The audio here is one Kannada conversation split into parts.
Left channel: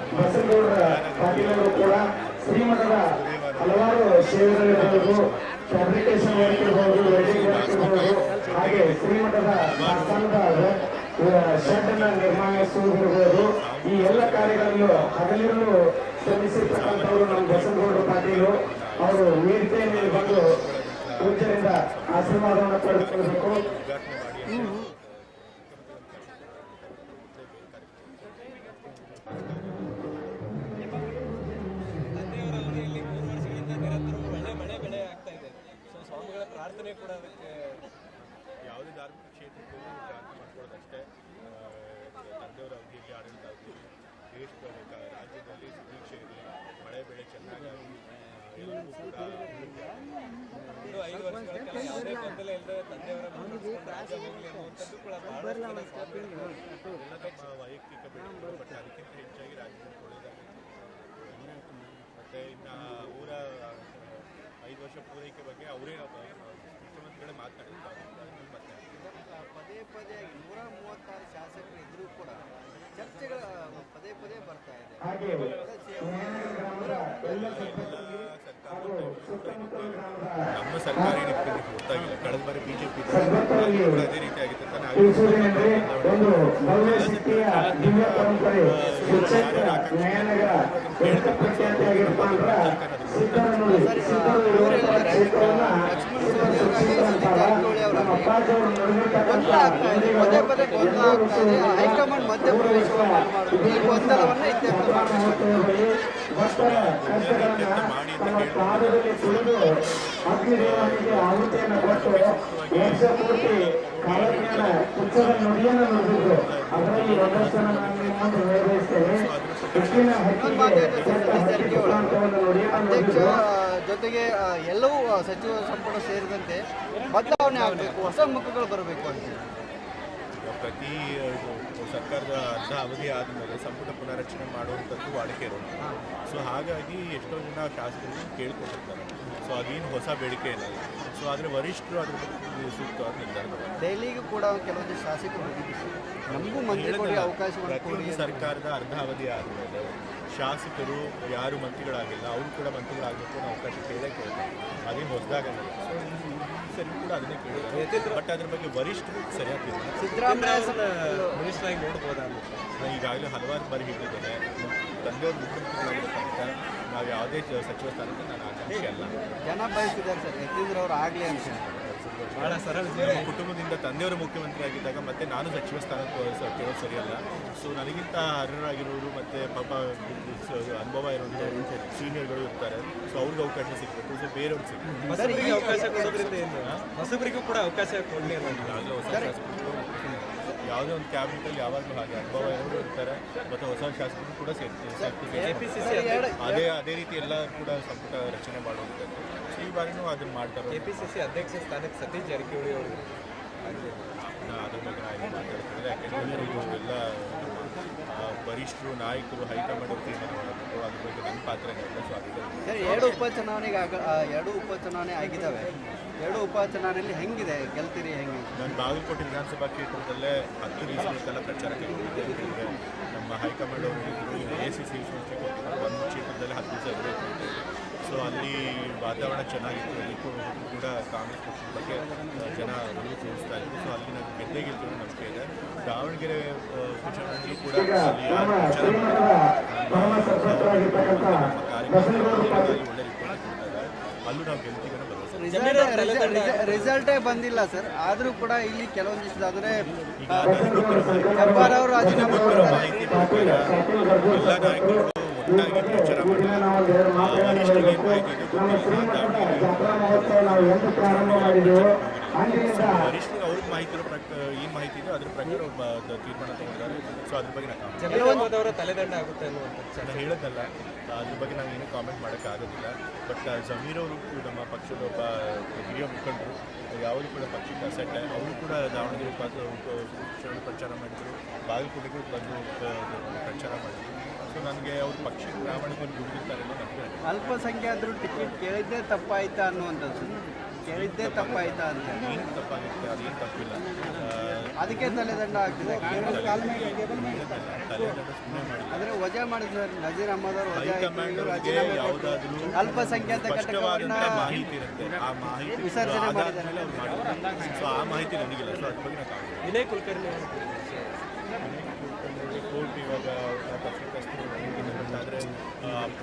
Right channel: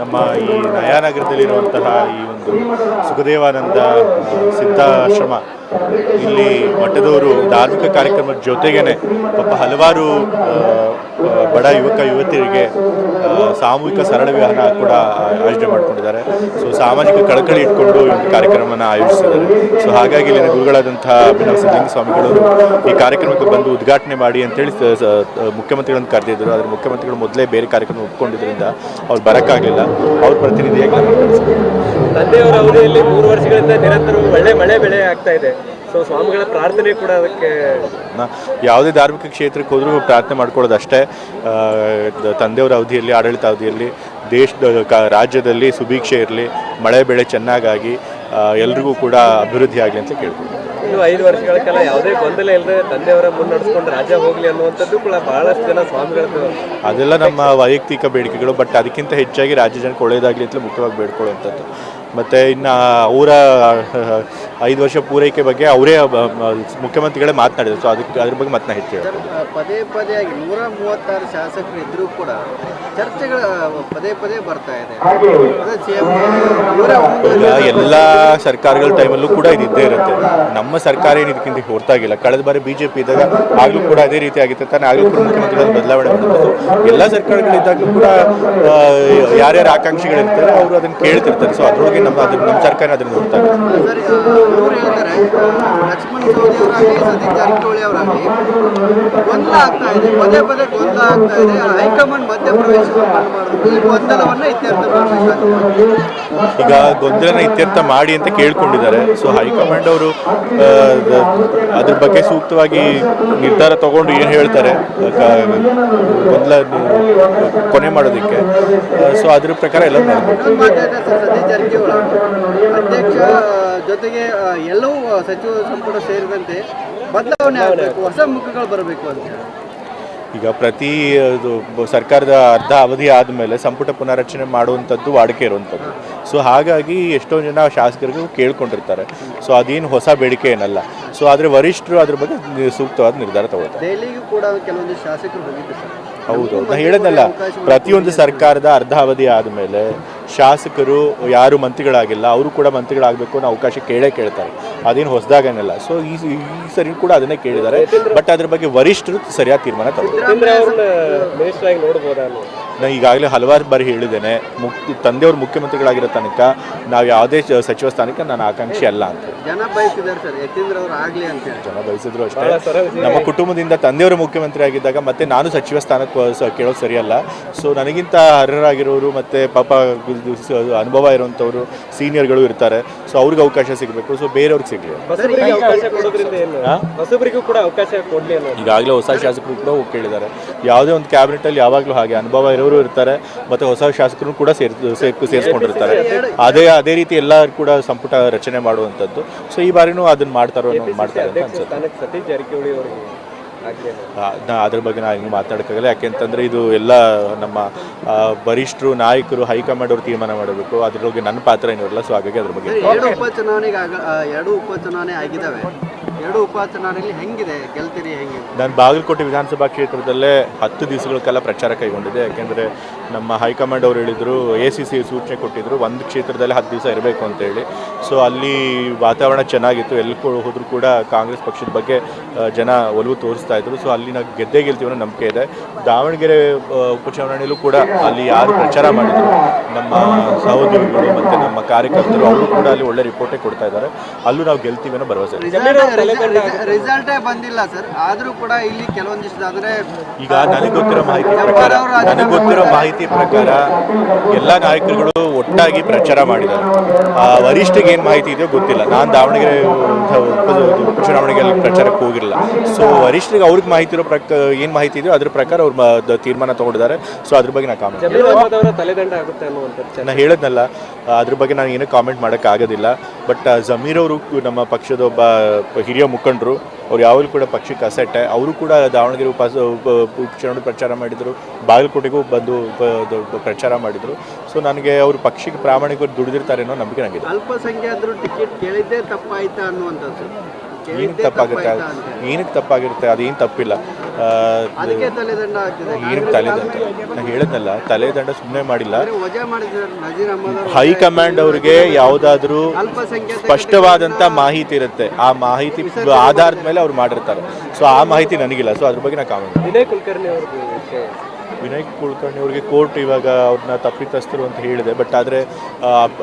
ನಮ್ಮ ಈ ನಯಾನಗರದಲ್ಲಿರುವಂತಹ ಈ ಒಂದು ಸುಖದೇವಾನಂದ ಸಿದ್ಧಾಶ್ರಮ, ಇಲ್ಲಿ ಮಠದವರು ಧಾರ್ಮಿಕ ಕಾರ್ಯಕ್ರಮದ ಜೊತೆಗೇನೆ ಹಲವಾರು ಬಡ ಯುವಕ ಯುವತಿಯರಿಗೆ ಸಾಮೂಹಿಕ ಸರಳ ವಿವಾಹ ಕೂಡ ಆಯೋಜನೆ ಮಾಡಿಕೊಂಡಿದ್ದಾರೆ. ಸೊ ಸಾಮಾಜಿಕ ಕಳಕಳಿ ಇಟ್ಕೊಂಡು ಈ ಒಂದು ಕಾರ್ಯಕ್ರಮನ ಆಯೋಜಿಸಿದ್ದಾರೆ. ಸೊ ಹಾಗಾಗಿ ಇಲ್ಲಿನ ಗುರುಗಳಾದಂತಹ ಅಭಿನವ ಸಿದ್ಧಲಿಂಗ ಸ್ವಾಮಿಗಳವರು ಈ ಕಾರ್ಯಕ್ರಮಕ್ಕೆ ಬಂದು ಉದ್ಘಾಟನೆ ಮಾಡಿ ಅಂತೇಳಿ ಮುಖ್ಯಮಂತ್ರಿಗಳನ್ನು ಕರೆದಿದ್ದರು. ಆದರೆ ಮುಖ್ಯಮಂತ್ರಿಗಳು ಮೊದಲೇ ಬೇರೆ ಕಾರ್ಯಕ್ರಮ ಒಪ್ಕೊಂಡಿದ್ದರಿಂದ ಅವ್ರು ಬರೋಕ್ಕಾಗಲಿಲ್ಲ. ಅವ್ರ ಪ್ರತಿನಿಧಿಯಾಗಿ ನಾನು ತಂದೆಯವರ ಅವಧಿಯಲ್ಲಿ 3 ವರ್ಷಗಳಿಂದ ನಿರಂತರ ಒಳ್ಳೆ ಮಳೆ ಬೆಳೆ ಆಗ್ತಾ ಇದೆ. ಸೊ ಸ್ವಾಮಿಗಳ ಪ್ರಾರ್ಥನೆ ಕೂಡ ಅದಕ್ಕೆ ಯಾವುದೇ ಧಾರ್ಮಿಕ ಕ್ಷೇತ್ರಕ್ಕೆ ಹೋದರೂ ಪ್ರಾರ್ಥನೆ ಮಾಡ್ಕೊಳ್ಳೋದು ಅಷ್ಟೇ. ತಂದೆಯವರ ಅವಧಿಯಲ್ಲಿ, ಆಡಳಿತ ಅವಧಿಯಲ್ಲಿ ರಾಜ್ಯದಲ್ಲಿ ಸುಭಿಕ್ಷೆ ಇರಲಿ, ಮಳೆ ಬೆಳೆ ಚೆನ್ನಾಗಾಗಿ ಎಲ್ರಿಗೂ ಕೂಡ ಅಭಿವೃದ್ಧಿ ಆಗಲಿ ಅಂತ ಕೇಳ್ಬೋದು. ಇನ್ನು 5 ವರ್ಷಗಳ ಕಾಲ ಯಾವುದೇ ಗೊಂದಲ ಇಲ್ಲದೆ ತಂದೆಯವರ ಮುನ್ನಡೆಸ್ಕೊಂಡು ರಾಜ್ಯ ಹೋಗಲಿ ಅನ್ನುವಂಥದ್ದು ಕೂಡ ಬಹಳಷ್ಟು ಜನ ಸ್ವಾಮಿಗಳದ್ದು. ಅದೆಲ್ಲ ನಮ್ಮ ವೈಯಕ್ತಿಕ ಬೇಡಿಕೆಗಳು. ಬಟ್ ಅದಕ್ಕಿಂತ ಹೆಚ್ಚಾಗಿ ರಾಜ್ಯ ಜನಕ್ಕೆ ಒಳ್ಳೆಯದಾಗಲಿ ಅಂತಲೇ ಮುಖ್ಯವಾಗಿ ಬೇಡ್ಕೊಳ್ಳುವಂಥದ್ದು. ಮತ್ತು ಇನ್ನು ಅವರ 5 ವರ್ಷ ಪೂರೈಕೆ ಬಗ್ಗೆ ಅವರೇ ಮುಖ್ಯಮಂತ್ರಿಗಳೇ ಮಾತನಾಡಿದರು. ಸೊ ಅದ್ರ ಬಗ್ಗೆ ಮತ್ತೆ ಹೆಚ್ಚು ಪದೇ ಪದೇಯಾಗಿ 136 ಶಾಸಕರು ಇದ್ದರೂ ಕೂಡ ಚರ್ಚೆಗಳು ಪದೇ ಬರ್ತಾ ಇದೆ. ಎಲ್ಲ ಸರ್ಕಾರಗಳ ಟೈಮಲ್ಲೂ ಕೂಡ ಇದ್ದೇ ಇರುತ್ತೆ. ನಮ್ಮ ಸರ್ಕಾರ ಏನು ಇದಕ್ಕಿಂತ ಹೊರತಾಗಿಲ್ಲ. ಕಳೆದ ಬಾರಿ BJP ಇದ್ದಾಗ ಆಗಲೂ ಕೂಡ ಅದೇ ರೀತಿ ಆಗಿತ್ತು ತಾನೆ. ಆಗಲೂ ಕೂಡ ಮುಖ್ಯಮಂತ್ರಿಗಳ ಬದಲಾವಣೆ ಬಂದಿತ್ತು. ಎಲ್ಲ ಸರ್ಕಾರಗಳಿದ್ದಾಗಲೂ ಕೂಡ ಯಾರ್ಯಾರು ಆಕಾಂಕ್ಷಿಗಳಿರ್ತಾರೆ ಅವರು ಅದನ್ನು ಕೇಳ್ತಿರ್ತಾರೆ. ಸೊ ಅದರೊಳಗೆ ನಮ್ಮ ಸರ್ಕಾರ ಅದನ್ನು ನೋಡ್ತಾರೆ. ಲಕ್ಷ್ಮಣ್ ಸವದಿ ಅವರಾಗಲಿ, ಸತೀಶ್ ಜಾರಕಿಹೊಳಿ ಅವರಾಗಲಿ ಗೊಂದಲ ಆಗ್ತಾ ಇದೆ, ಪದೇ ಗೊಂದಲ ಆಗ್ತಾ ಇದೆ. ಹೈಕಮಾಂಡ್ ಮಧ್ಯಪ್ರವೇಶವನ್ನು ಮಾಡಬೇಕು, ಈ ಗೊಂದಲವನ್ನು ಇತ್ಯರ್ಥ ಮಾಡಬೇಕು. ಈಗ ಗೊಂದಲನ ಇತ್ಯರ್ಥ ಮಾಡಿ ಅಂತ ಕೇಳ್ಕೊಂಡಿದ್ದಾರೆ. ಸೊ ಹೈಕಮಾಂಡ್ ಅವರು ಅದ್ರ ಬಗ್ಗೆ ಸೂಕ್ತವಾಗಿ ನಿರ್ಧಾರ ತಗೊಂಡು ಏನು ಹೇಳ್ತಾರೆ ಗೊಂದಲ ಕೊನೆ ಮಾಡೋದಕ್ಕೆ, ಸೊ ಅದ್ರ ಪ್ರಕಾರ ಎಲ್ಲ ಸತೀಶ್ ಜಾರಕಿಹೊಳಿ ಅಧ್ಯಕ್ಷ ಜೊತೆಗೆ ಎಲ್ಲವೂ ಸಚಿವ ಸಂಪುಟ ಸೇರಿದಂತೆ ಬದಲಾವಣೆ ಆಗಬೇಕು, ಹೊಸ ಮುಖಗಳು ಬರಬೇಕು ಅಂತ. ಈಗ ಪ್ರತಿ ಸರ್ಕಾರದ ಅರ್ಧ ಅವಧಿ ಆದಮೇಲೆ ಸಂಪುಟ ಪುನರಚನೆ ಮಾಡುವಂಥದ್ದು ವಾಡಿಕೆ ಇರುವಂಥದ್ದು. ಸೊ ಹಾಗಾಗಿ ಎಷ್ಟೋ ಜನ ಶಾಸಕರಿಗೂ ಕೇಳ್ಕೊಂಡಿರ್ತಾರೆ. ಸೊ ಅದೇನು ಹೊಸ ಬೇಡಿಕೆ ಏನಲ್ಲ. ಸೊ ಆದರೆ ವರಿಷ್ಠರು ಅದ್ರ ಬಗ್ಗೆ ಸೂಕ್ತವಾದ ನಿರ್ಧಾರ ತಗೋತಾರೆ. ದೆಹಲಿಗೂ ಕೂಡ ಕೆಲವೊಂದು ಶಾಸಕರು ಹೋಗಿದ್ದು. ಹೌದು, ನಾನು ಹೇಳೋದಲ್ಲ, ಪ್ರತಿಯೊಂದು ಸರ್ಕಾರದ ಅರ್ಧ ಅವಧಿ ಆದಮೇಲೆ ಶಾಸಕರು ಯಾರು ಮಂತ್ರಿಗಳಾಗಿಲ್ಲ ಅವರು ಕೂಡ ಮಂತ್ರಿಗಳಾಗಬೇಕು ಅನ್ನೋ ಅವಕಾಶ ಕೇಳ್ತಾರೆ. ಅದೇನು ಹೊಸದಾಗೇನಲ್ಲ. ಸೊ ಈ ಸರಿ ಕೂಡ ಅದನ್ನೇ ಕೇಳಿದ್ದಾರೆ. ಬಟ್ ಅದ್ರ ಬಗ್ಗೆ ವರಿಷ್ಠರು ಸರಿಯಾದ ತೀರ್ಮಾನ ತಗೋತಾರೆ. ನಾನು ಈಗಾಗಲೇ ಹಲವಾರು ಬಾರಿ ಹೇಳಿದ್ದೇನೆ, ತಂದೆಯವರು ಮುಖ್ಯಮಂತ್ರಿಗಳಾಗಿರೋ ತನಕ ನಾವು ಯಾವುದೇ ಸಚಿವ ಸ್ಥಾನಕ್ಕೆ ನಾನು ಆಕಾಂಕ್ಷಿ ಅಲ್ಲ ಅಂತ. ಜನ ಬಯಸಿದ್ದಾರೆ ಸರ್, ಯತೀಂದ್ರ ಅವರು ಆಗಲಿ ಅಂತ. ಜನ ಬಯಸಿದ್ರು ಅಷ್ಟೇ. ನಮ್ಮ ಕುಟುಂಬದಿಂದ ತಂದೆಯವರು ಮುಖ್ಯಮಂತ್ರಿ ಆಗಿದ್ದಾಗ ಮತ್ತೆ ನಾನು ಸಚಿವ ಸ್ಥಾನಕ್ಕೆ ಕೇಳೋದು ಸರಿಯಲ್ಲ. ಸೊ ನನಗಿಂತ ಅರ್ಹರಾಗಿರೋರು ಮತ್ತು ಪಾಪ ಅನುಭವ ಇರುವಂಥವ್ರು ಸೀನಿಯರ್ಗಳು ಇರ್ತಾರೆ. ಸೊ ಅವ್ರಿಗೆ ಅವಕಾಶ ಸಿಗಬೇಕು. ಸೊ ಬೇರೆಯವ್ರಿಗೆ ಸಿಗಲಿ. ಈಗಾಗಲೇ ಹೊಸ ಶಾಸಕರು ಕೂಡ ಹೋಗಿ ಕೇಳಿದ್ದಾರೆ. ಯಾವುದೇ ಒಂದು ಕ್ಯಾಬಿನೆಟಲ್ಲಿ ಯಾವಾಗಲೂ ಹಾಗೆ ಅನುಭವ ಇರೋರು ಇರ್ತಾರೆ ಮತ್ತು ಹೊಸ ಶಾಸಕರು ಕೂಡ ಸೇರಿಸ್ಕೊಂಡಿರ್ತಾರೆ. ಅದೇ ರೀತಿ ಎಲ್ಲರೂ ಕೂಡ ಸಂಪುಟ ರಚನೆ ಮಾಡುವಂಥದ್ದು. ಸೊ ಈ ಬಾರಿನೂ ಅದನ್ನು ಮಾಡ್ತಾರೆ ಅಂತ ಅನ್ಸುತ್ತೆ. ಅದ್ರ ಬಗ್ಗೆ ನಾವು ಹಿಂಗೆ ಮಾತಾಡೋಕ್ಕಾಗಲ್ಲ. ಯಾಕೆಂತಂದರೆ ಇದು ಎಲ್ಲ ನಮ್ಮ ವರಿಷ್ಠರು, ನಾಯಕರು, ಹೈಕಮಾಂಡ್ ಅವರು ತೀರ್ಮಾನ ಮಾಡಬೇಕು. ಅದ್ರೊಳಗೆ ನನ್ನ ಪಾತ್ರ ಏನೂ ಇರಲ್ಲ. ಸೊ ಹಾಗಾಗಿ ಅದ್ರ ಬಗ್ಗೆ ಎರಡು ಉಪಚುನಾವಣೆ ಆಗಿದ್ದಾವೆ. 2 ಉಪಚುನಾವಣೆಯಲ್ಲಿ ಹೆಂಗಿದೆ, ಗೆಲ್ತೀರಿ ಹೆಂಗೆ? ನಾನು ಬಾಗಲಕೋಟೆ ವಿಧಾನಸಭಾ ಕ್ಷೇತ್ರದಲ್ಲೇ 10 ದಿವಸಗಳ ಕಾಲ ಪ್ರಚಾರ ಕೈಗೊಂಡಿದ್ದೆ. ಯಾಕೆಂದರೆ ನಮ್ಮ ಹೈಕಮಾಂಡ್ ಅವರು ಹೇಳಿದರು, ACC ಸೂಚನೆ ಕೊಟ್ಟಿದ್ದರು, ಒಂದು ಕ್ಷೇತ್ರದಲ್ಲಿ 10 ದಿವಸ ಇರಬೇಕು ಅಂತೇಳಿ. ಸೊ ಅಲ್ಲಿ ವಾತಾವರಣ ಚೆನ್ನಾಗಿತ್ತು. ಎಲ್ಲಿ ಹೋದರೂ ಕೂಡ ಕಾಂಗ್ರೆಸ್ ಪಕ್ಷದ ಬಗ್ಗೆ ಜನ ಒಲವು ತೋರಿಸ್ತಾ ಇದ್ರು. ಸೊ ಅಲ್ಲಿ ನಾವು ಗೆಲ್ತೀವಿ ಅನ್ನೋ ನಂಬಿಕೆ ಇದೆ. ದಾವಣಗೆರೆ ಉಪಚುನಾವಣೆಯಲ್ಲೂ ಕೂಡ ಅಲ್ಲಿ ಯಾರು ಪ್ರಚಾರ ಮಾಡಿದ್ರು ನಮ್ಮ ಸಹೋದ್ಯೋಗಿಗಳು ಮತ್ತು ನಮ್ಮ ಕಾರ್ಯಕರ್ತರು, ಅವರು ಕೂಡ ಅಲ್ಲಿ ಒಳ್ಳೆ ರಿಪೋರ್ಟೇ ಕೊಡ್ತಾ ಇದ್ದಾರೆ. ಅಲ್ಲೂ ನಾವು ಗೆಲ್ತೀವಿ ಅನ್ನೋ ಭರವಸೆ. ರಿಸಲ್ಟೇ ಬಂದಿಲ್ಲ ಸರ್, ಆದರೂ ಕೂಡ ಇಲ್ಲಿ ಕೆಲವೊಂದಿಷ್ಟು ಅಂದರೆ ಈಗ ನನಗೆ ಗೊತ್ತಿರೋ ಮಾಹಿತಿ ಪ್ರಕಾರ ಎಲ್ಲ ನಾಯಕರುಗಳು ಒಟ್ಟಾಗಿ ಪ್ರಚಾರ ಮಾಡಿದ್ದಾರೆ. ವರಿಷ್ಠಿಗೆ ಏನು ಮಾಹಿತಿ ಇದೆಯೋ ಗೊತ್ತಿಲ್ಲ. ನಾನು ದಾವಣಗೆರೆ ಉಪಚುನಾವಣೆಗೆ ಪ್ರಚಾರಕ್ಕೆ ಹೋಗಿರಲಿಲ್ಲ. ಸೊ ವರಿಷ್ಠರಿಗೆ ಅವ್ರಿಗೆ ಮಾಹಿತಿ ಇರೋ ಏನು ಮಾಹಿತಿ ಇದೆಯೋ ಅದ್ರ ಪ್ರಕಾರ ಅವ್ರು ತೀರ್ಮಾನ ತಗೊಂಡಿದ್ದಾರೆ. ಸೊ ಅದ್ರ ಬಗ್ಗೆ ನಾನು ಕಾಮೆಂಟ್ ತಲೆದಂಡ ಆಗುತ್ತೆ ಅನ್ನುವಂಥದ್ದು ನಾನು ಹೇಳೋದ್ನಲ್ಲ. ಅದ್ರ ಬಗ್ಗೆ ನಾನು ಏನೂ ಕಾಮೆಂಟ್ ಮಾಡೋಕ್ಕಾಗೋದಿಲ್ಲ. ಬಟ್ ಜಮೀರ್ ಅವರು ನಮ್ಮ ಪಕ್ಷದ ಒಬ್ಬ ಹಿರಿಯ ಮುಖಂಡರು, ಅವ್ರು ಯಾವಾಗಲೂ ಕೂಡ ಪಕ್ಷಕ್ಕೆ ಅಸೆಟ್ಟೆ. ಅವರು ಕೂಡ ದಾವಣಗೆರೆ ಉಪಚುನಾವಣೆ ಪ್ರಚಾರ ಮಾಡಿದರು, ಬಾಗಲಕೋಟೆಗೂ ಬಂದು ಪ್ರಚಾರ ಮಾಡಿದರು. ಸೊ ನನಗೆ ಅವರು ಪಕ್ಷಕ್ಕೆ ಪ್ರಾಮಾಣಿಕವಾಗಿ ದುಡಿದಿರ್ತಾರೆ ಅನ್ನೋ ನಂಬಿಕೆ ನನಗಿದೆ. ಅಲ್ಪಸಂಖ್ಯಾತರು ಟಿಕೆಟ್ ಕೇಳಿದ್ದೇ ತಪ್ಪಾಯ್ತಾ ಅನ್ನುವಂಥದ್ದು ಸರ್. ಏನಕ್ಕೆ ತಪ್ಪಾಗುತ್ತೆ ಏನಕ್ಕೆ ತಪ್ಪಾಗಿರುತ್ತೆ ಅದೇನು ತಪ್ಪಿಲ್ಲ ಅದಕ್ಕೆ ತಲೆದಂಡ ಆಗ್ತಿದೆ. ಏನಕ್ಕೆ ತಲೆದಂಡ ನಾನು ಹೇಳಿದ್ನಲ್ಲ, ತಲೆದಂಡ ಸುಮ್ಮನೆ ಮಾಡಿಲ್ಲ. ವಜಾ ಮಾಡಿದ್ದಾರೆ ನಜೀರ್ ಅಹಮದ್ ಅವರು. ಹೈಕಮಾಂಡ್ ಅವ್ರಿಗೆ ಯಾವುದಾದ್ರೂ ಅಲ್ಪಸಂಖ್ಯಾತ ಸ್ಪಷ್ಟವಾದಂಥ ಮಾಹಿತಿ ಇರುತ್ತೆ, ಆ ಮಾಹಿತಿ ಆಧಾರದ ಮೇಲೆ ಅವ್ರು ಮಾಡಿರ್ತಾರೆ. ಸೊ ಆ ಮಾಹಿತಿ ನನಗಿಲ್ಲ, ಸೊ ಅದ್ರ ಬಗ್ಗೆ ನಾನು ಕಾಮೆಂಟ್. ವಿನಯ್ ಕುಲಕರ್ಣಿ ಅವ್ರದ್ದು ವಿಷಯ, ವಿನಯ್ ಕುಲಕರ್ಣಿ ಅವರಿಗೆ ಕೋರ್ಟ್ ಇವಾಗ ಅವ್ರನ್ನ ತಪ್ಪಿತಸ್ಥರು ಅಂತ ಹೇಳಿದೆ. ಬಟ್ ಆದರೆ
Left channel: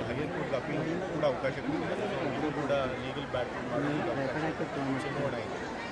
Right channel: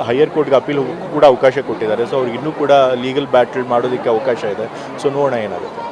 ಹೈಯರ್ ಕೋರ್ಟ್ಗೆ ಅಪೀಲ್ ಕೂಡ ಅವಕಾಶ ಕೊಟ್ಟಿದ್ದಾರೆ. ಸೊ ಅವ್ರಿಗೆ ಇನ್ನೂ ಕೂಡ ಲೀಗಲ್ ಬ್ಯಾಟಲ್ ಮಾಡೋದಕ್ಕೆ ಅವಕಾಶ ಇದೆ. ಸೊ ನೋಡೋಣ ಏನಾಗುತ್ತೆ.